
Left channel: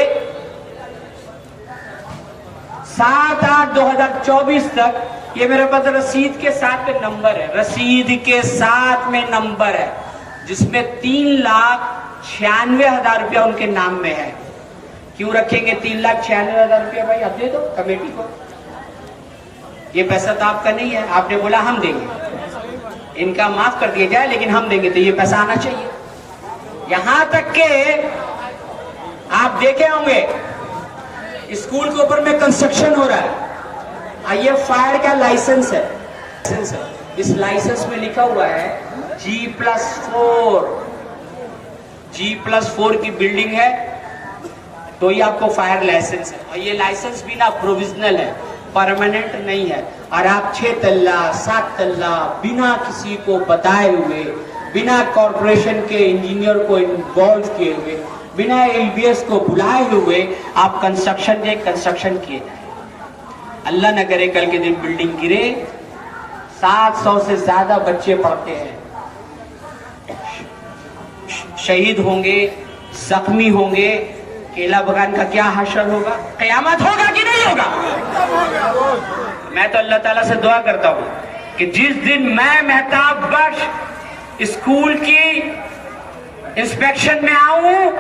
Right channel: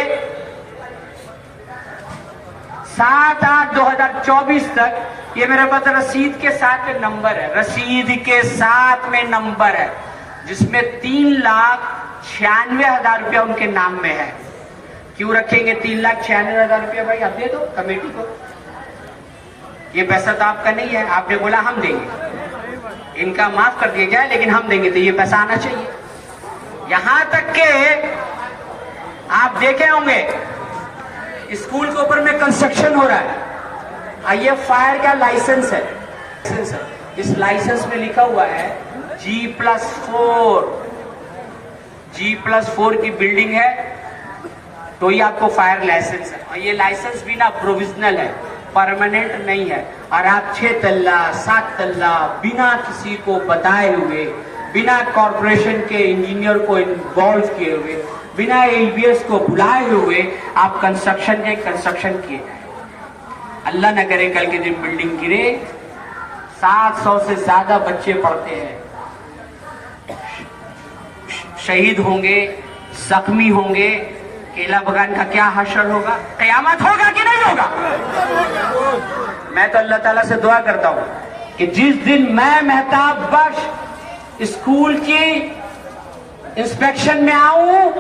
7/8/2024 तक ये मेरे पास रसीद के साथ में नंबर है, रसीद के साथ में नंबर है, जिसमें 3,96,000 रुपया उनके नाम में है। क्यों रखेंगे 3,96,000 रुपया? भाई आप दे दो कमेटी को, ये पैसा तो आपका नहीं है, आपने बोला हम देंगे, इनका माफ कर दिया जाए लेकिन हम देंगे, तो ये पैसा आना चाहिए। यहां तक के आप देखे होंगे स्कूल के ऊपर में कंस्ट्रक्शन हो रहा है, ये फायर का लाइसेंस है, इस लाइसेंस में लिखा हुआ है G+4, G+4 की बिल्डिंग है तो ये आपको फायर लाइसेंस है। और ये लाइसेंस भी ना प्रोविजनल है, परमानेंट नहीं है। और आप 6 तल्ला 7 तल्ला बिना किसी को बताए हुए, बिना कॉर्पोरेशन के इंजीनियर को इन्वॉल्व किए हुए, बिना LBS को बुलाए हुए आप कंस्ट्रक्शन किए जाए। अल्लाह न करे कल के दिन बिल्डिंग गिरे, 700 से ज्यादा बच्चे पढ़ते हैं, शहीद होंगे, जख्मी होंगे, केला बगान का क्या हशर होगा? कयामत होगा कि नहीं होगा? मैं तो अल्लाह ताला से दुआ करता हूं कि जिस दिन मैं मेहताब बख्श स्कूल की इंस्पेक्शन में आऊं,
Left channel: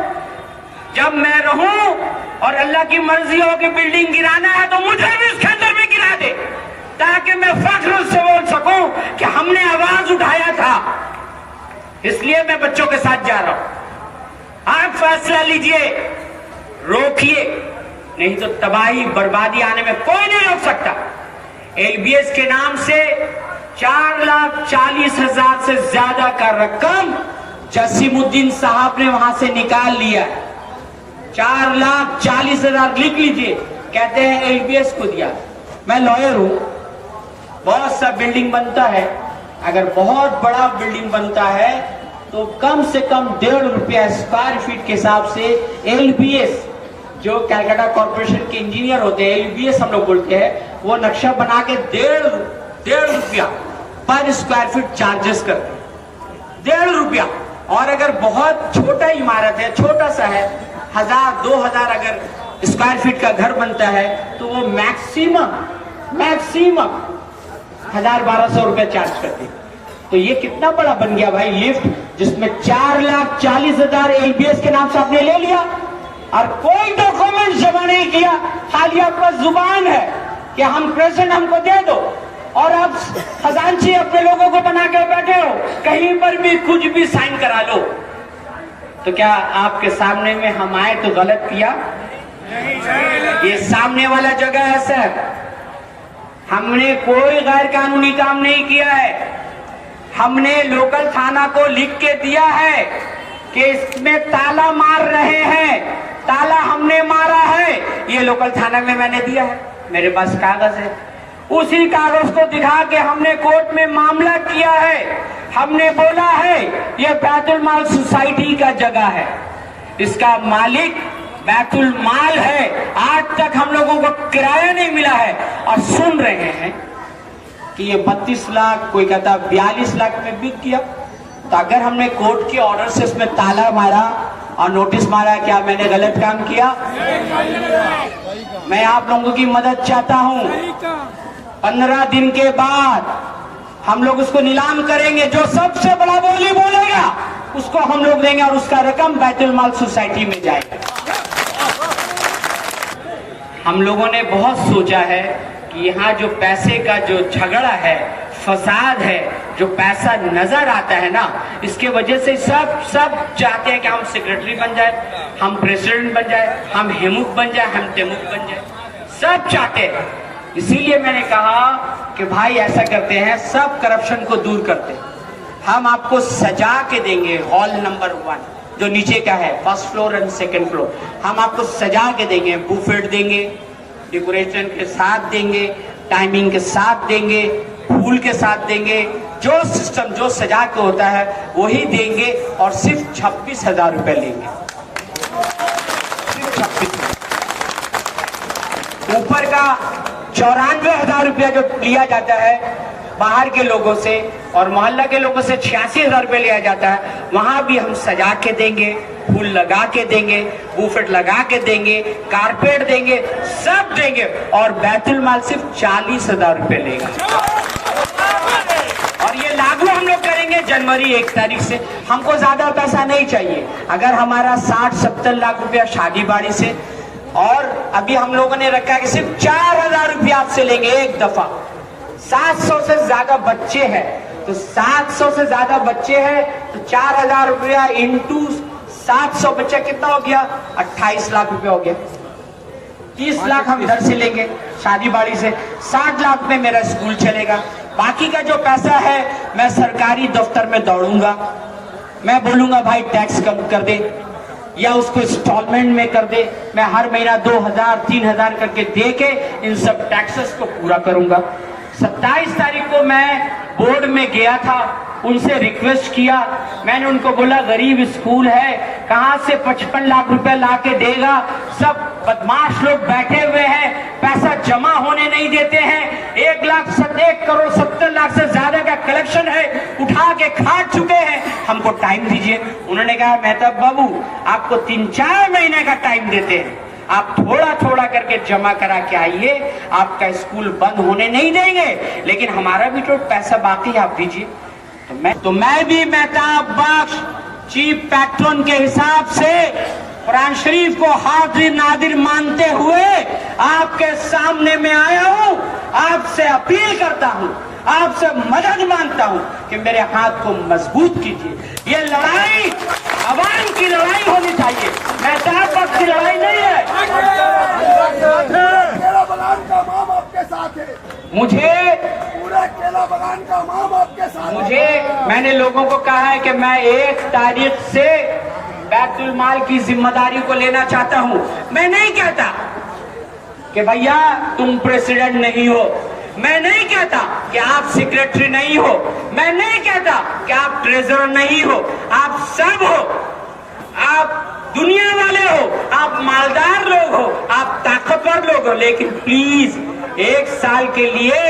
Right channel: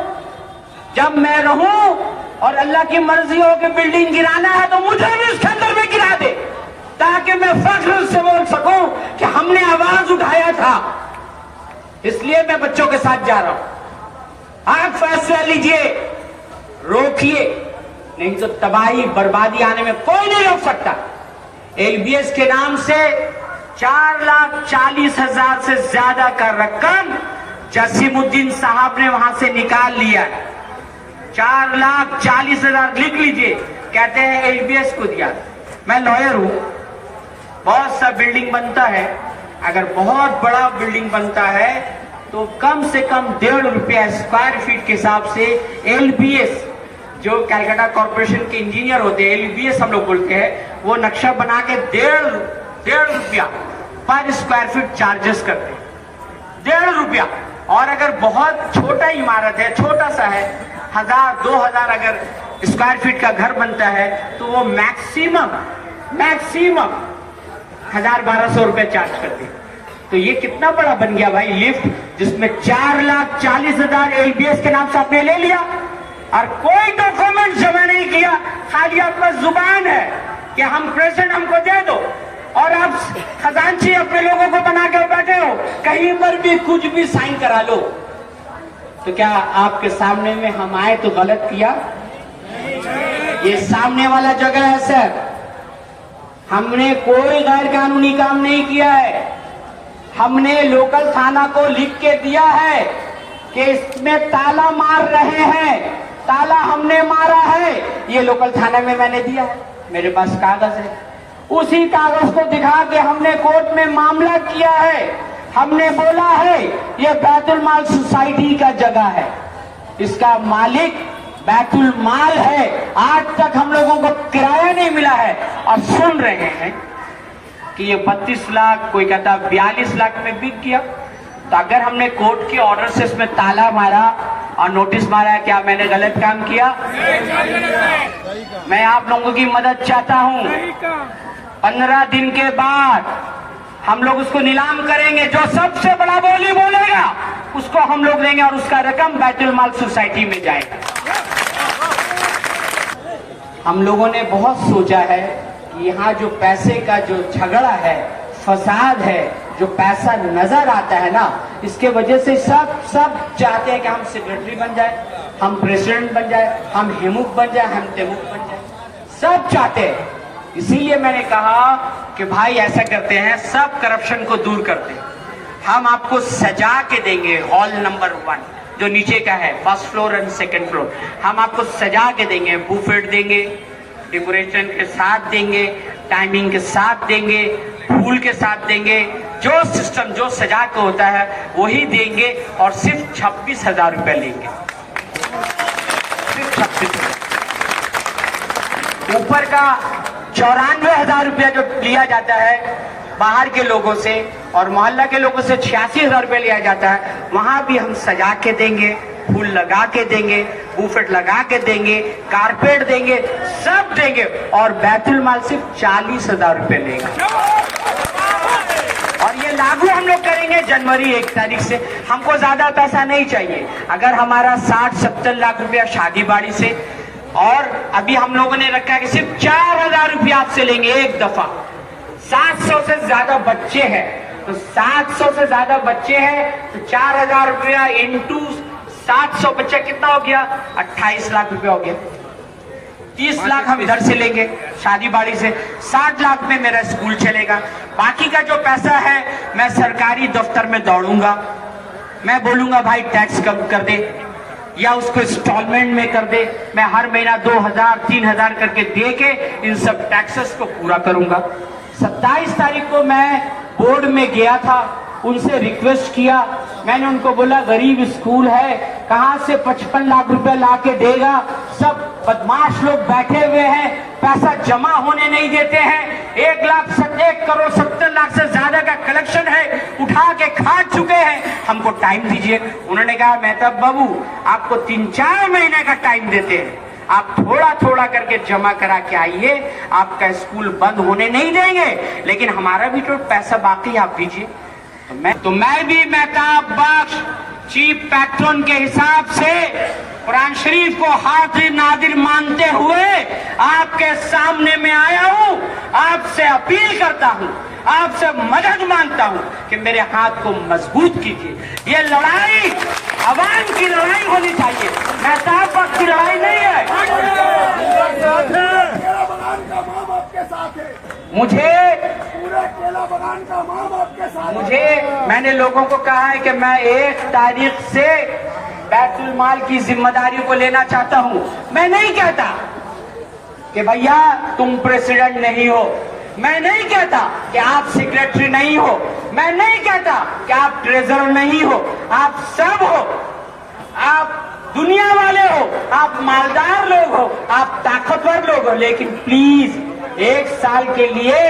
जब मैं रहूं और अल्लाह की मर्जी हो कि बिल्डिंग गिराना है तो मुझे भी उसके अंदर में गिरा दे, ताकि मैं फख्र से बोल सकूं कि हमने आवाज उठाया था। इसलिए मैं बच्चों के साथ जा रहा हूं। आप फैसला लीजिए, रोकिए, नहीं तो तबाही बर्बादी आने में कोई नहीं रोक सकता। LBS के नाम से 4,40,000 से ज्यादा का रकम जसीमुद्दीन साहब ने वहां से निकाल लिया। 4,40,000 लिख लीजिए, कहते हैं LBS को दिया। मैं लॉयर हूं, बहुत सा बिल्डिंग बनता है, अगर बहुत बड़ा बिल्डिंग बनता है तो कम से कम 1.5 रुपया स्क्वायर फीट के हिसाब से LBS, जो कलकत्ता कॉर्पोरेशन के इंजीनियर होते हैं, LBS हम लोग बोलते हैं, वो नक्शा बना के 1.5 रुपया पर स्क्वायर फीट चार्जेस करते हैं, 1.5 रुपया। और अगर बहुत छोटा इमारत है, छोटा सा है, 1,000-2,000 अगर स्क्वायर फीट का घर बनता है तो वो मैक्सिमम 1,000-1,200 रुपया चार्ज करते हैं। तो ये कितना बड़ा बन गया भाई। लिफ्ट जिसमें 4,40,000 एलबीएस के नाम से आपने ले लिया और कोई डॉक्यूमेंट जमा नहीं किया। खाली आपका जुबान है कि हम प्रेजेंट हमको दे दो, और आप खजांची अपने लोगों को बना के बैठे हो, कहीं पर भी कुछ भी साइन करा लो। तो क्या आपके सामने में हम आए तो गलत किया? ये सामने वाला जगह है सर, हमने कोई गैर कानूनी काम नहीं किया है। हमने लोकल थाना को लिख के दिया है कि इसमें ताला मार रहे हैं, ताला हमने मारा है, ये लोकल थाना में मैंने दिया है, मेरे पास कागज है। उसी कागज को दिखा के हमने कोर्ट में मामला किया है। हमने बोला है ये बैतुल माल सोसाइटी का जगह है, इसका मालिक बैतुल माल है। आज तक हम लोगों को किराया नहीं मिला है और सुन रहे हैं कि ये 32 लाख, कोई कहता 42 लाख में बिक गया। तो अगर हमने कोर्ट के ऑर्डर से इसमें ताला मारा और नोटिस मारा, क्या मैंने गलत काम किया? मैं आप लोगों की मदद चाहता हूं। 15 दिन के बाद हम लोग उसको नीलाम करेंगे, जो सबसे बड़ा बोली बोलेगा उसको हम लोग देंगे और उसका रकम बैतुल माल सोसाइटी में जाएगा। हम लोगों ने बहुत सोचा है कि यहाँ जो पैसे का जो झगड़ा है, फसाद है, जो पैसा नजर आता है ना, इसके वजह से सब चाहते हैं कि हम सेक्रेटरी बन जाए, हम प्रेसिडेंट बन जाए, हम हेमुक बन जाए, हम तेमुक बन जाए, सब चाहते हैं। इसीलिए मैंने कहा कि भाई ऐसा करते हैं, सब करप्शन को दूर करते हैं। हम आपको सजा के देंगे हॉल नंबर 1 जो नीचे का है, first floor and second floor, हम आपको सजा के देंगे, बुफेट देंगे, डेकोरेशन के साथ देंगे, टाइमिंग के साथ देंगे, फूल के साथ देंगे, जो सिस्टम जो सजा के होता है वही देंगे और सिर्फ 26,000 रुपए लेंगे, सिर्फ 26,000। ऊपर का 94,000 रुपया जो लिया जाता है बाहर के लोगों से और मोहल्ला के लोगों से 86,000 रुपये लिया जाता है, वहां भी हम सजा के देंगे, फूल लगा के देंगे, बुफेट लगा के देंगे, कारपेट देंगे, सब देंगे और बैतुल माल सिर्फ 40,000 रुपये लेगा। और ये लागू हम लोग करेंगे जनवरी 1 तारीख से। हमको ज्यादा पैसा नहीं चाहिए। अगर हमारा 60-70 लाख रुपया शादी बाड़ी से, और अभी हम लोगों ने रखा कि सिर्फ 4,000 रुपया आपसे लेंगे एक दफा। 700 से ज्यादा बच्चे हैं, तो 700 से ज्यादा बच्चे हैं तो 4,000 रुपया इंटू 700 बच्चे कितना हो गया? 28 लाख रुपया हो गया। 30 लाख हम इधर से लेंगे शादी बाड़ी से, 60 लाख में मेरा स्कूल चलेगा। बाकी का जो पैसा है मैं सरकारी दफ्तर में दौड़ूंगा, मैं बोलूंगा भाई टैक्स कम कर दे या उसको इंस्टॉलमेंट में कर दे। मैं हर महीना 2,000 3,000 करके दे के इन सब टैक्सेस को पूरा करूंगा। 27 तारीख को मैं बोर्ड में गया था, उनसे रिक्वेस्ट किया, मैंने उनको बोला गरीब स्कूल है, कहां से 55 लाख रुपया ला के देगा? सब बदमाश लोग बैठे हुए हैं, पैसा जमा होने नहीं देते हैं। 1 करोड़ 70 लाख से ज्यादा का कलेक्शन है, उठा के खा चुके हैं, हमको टाइम दीजिए। उन्होंने कहा मेहताब बाबू आपको 3-4 महीने का टाइम देते हैं, आप थोड़ा थोड़ा करके जमा करा के आइए, आपका स्कूल बंद होने नहीं देंगे, लेकिन हमारा भी तो पैसा बाकी आप दीजिए। तो मैं भी मेहताब बख्श चीफ पैट्रन के हिसाब से कुरान शरीफ को हाजिर नादिर मानते हुए आपके सामने में आया हूं। आपसे अपील करता हूं, आपसे मदद मांगता हूं कि मेरे हाथ को मजबूत कीजिए। ये लड़ाई अवाम की लड़ाई होनी चाहिए, मेहताब बख्श की लड़ाई नहीं है। केला बगान का माम आपके साथ है, मुझे पूरा केला बगान का माम आपके साथ है। मैंने लोगों को कहा है कि मैं 1 तारीख से बैतुल माल की जिम्मेदारी को लेना चाहता हूं। मैं नहीं कहता कि भैया तुम प्रेसिडेंट नहीं हो, मैं नहीं कहता कि आप सेक्रेटरी नहीं हो, मैं नहीं कहता कि आप ट्रेजरर नहीं हो, आप सब हो, आप दुनिया वाले हो, आप मालदार लोग हो, आप ताकतवर लोग हो, लेकिन प्लीज 1 साल के लिए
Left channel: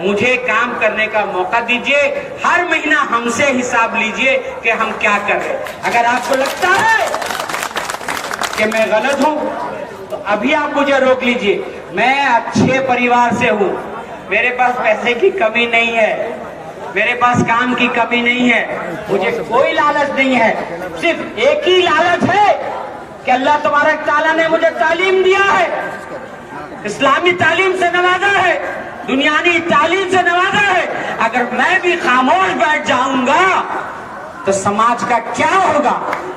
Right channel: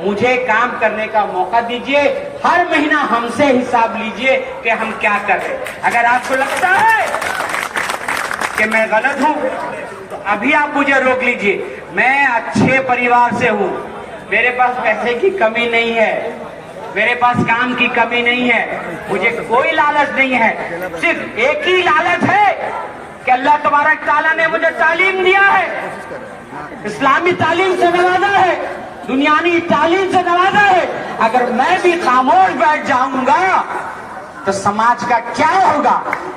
मुझे काम करने का मौका दीजिए। हर महीना हमसे हिसाब लीजिए कि हम क्या कर रहे हैं। अगर आपको लगता है कि मैं गलत हूं तो अभी आप मुझे रोक लीजिए। मैं अच्छे परिवार से हूं, मेरे पास पैसे की कमी नहीं है, मेरे पास काम की कमी नहीं है, मुझे कोई लालच नहीं है। सिर्फ एक ही लालच है कि अल्लाह तबारक ताला ने मुझे तालीम दिया है, इस्लामी तालीम से नवाजा है, दुनियावी तालीम से नवाजा है। अगर मैं भी खामोश बैठ जाऊंगा तो समाज का क्या होगा?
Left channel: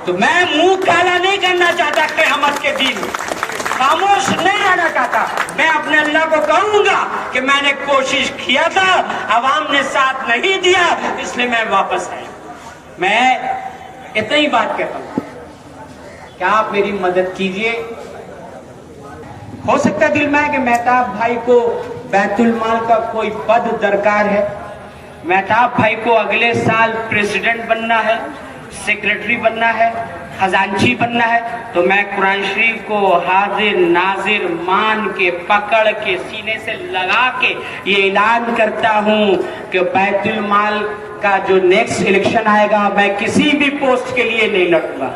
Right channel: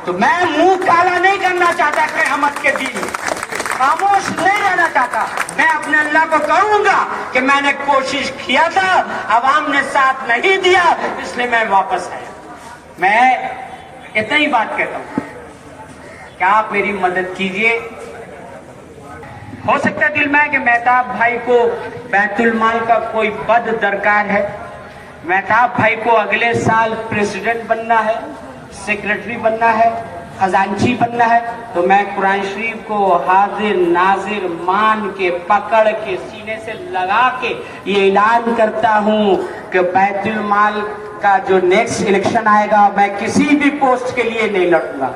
तो मैं मुंह काला नहीं करना चाहता क़यामत के दिन, खामोश नहीं रहना चाहता। मैं अपने अल्लाह को कहूंगा कि मैंने कोशिश किया था, अवाम ने साथ नहीं दिया, इसलिए मैं वापस आया। मैं इतनी ही बात कहता हूं, क्या आप मेरी मदद कीजिए। हो सकता है दिल में कि मेहताब भाई को बैतुल माल का कोई पद दरकार है, मेहताब भाई को अगले साल प्रेसिडेंट बनना है, सेक्रेटरी बनना है, खजांची बनना है, तो मैं कुरान शरीफ को हाजिर नाजिर मान के पकड़ के सीने से लगा के ये ऐलान करता हूं कि बैतुल माल का जो नेक्स्ट इलेक्शन आएगा मैं किसी भी पोस्ट के लिए नहीं लड़ूंगा।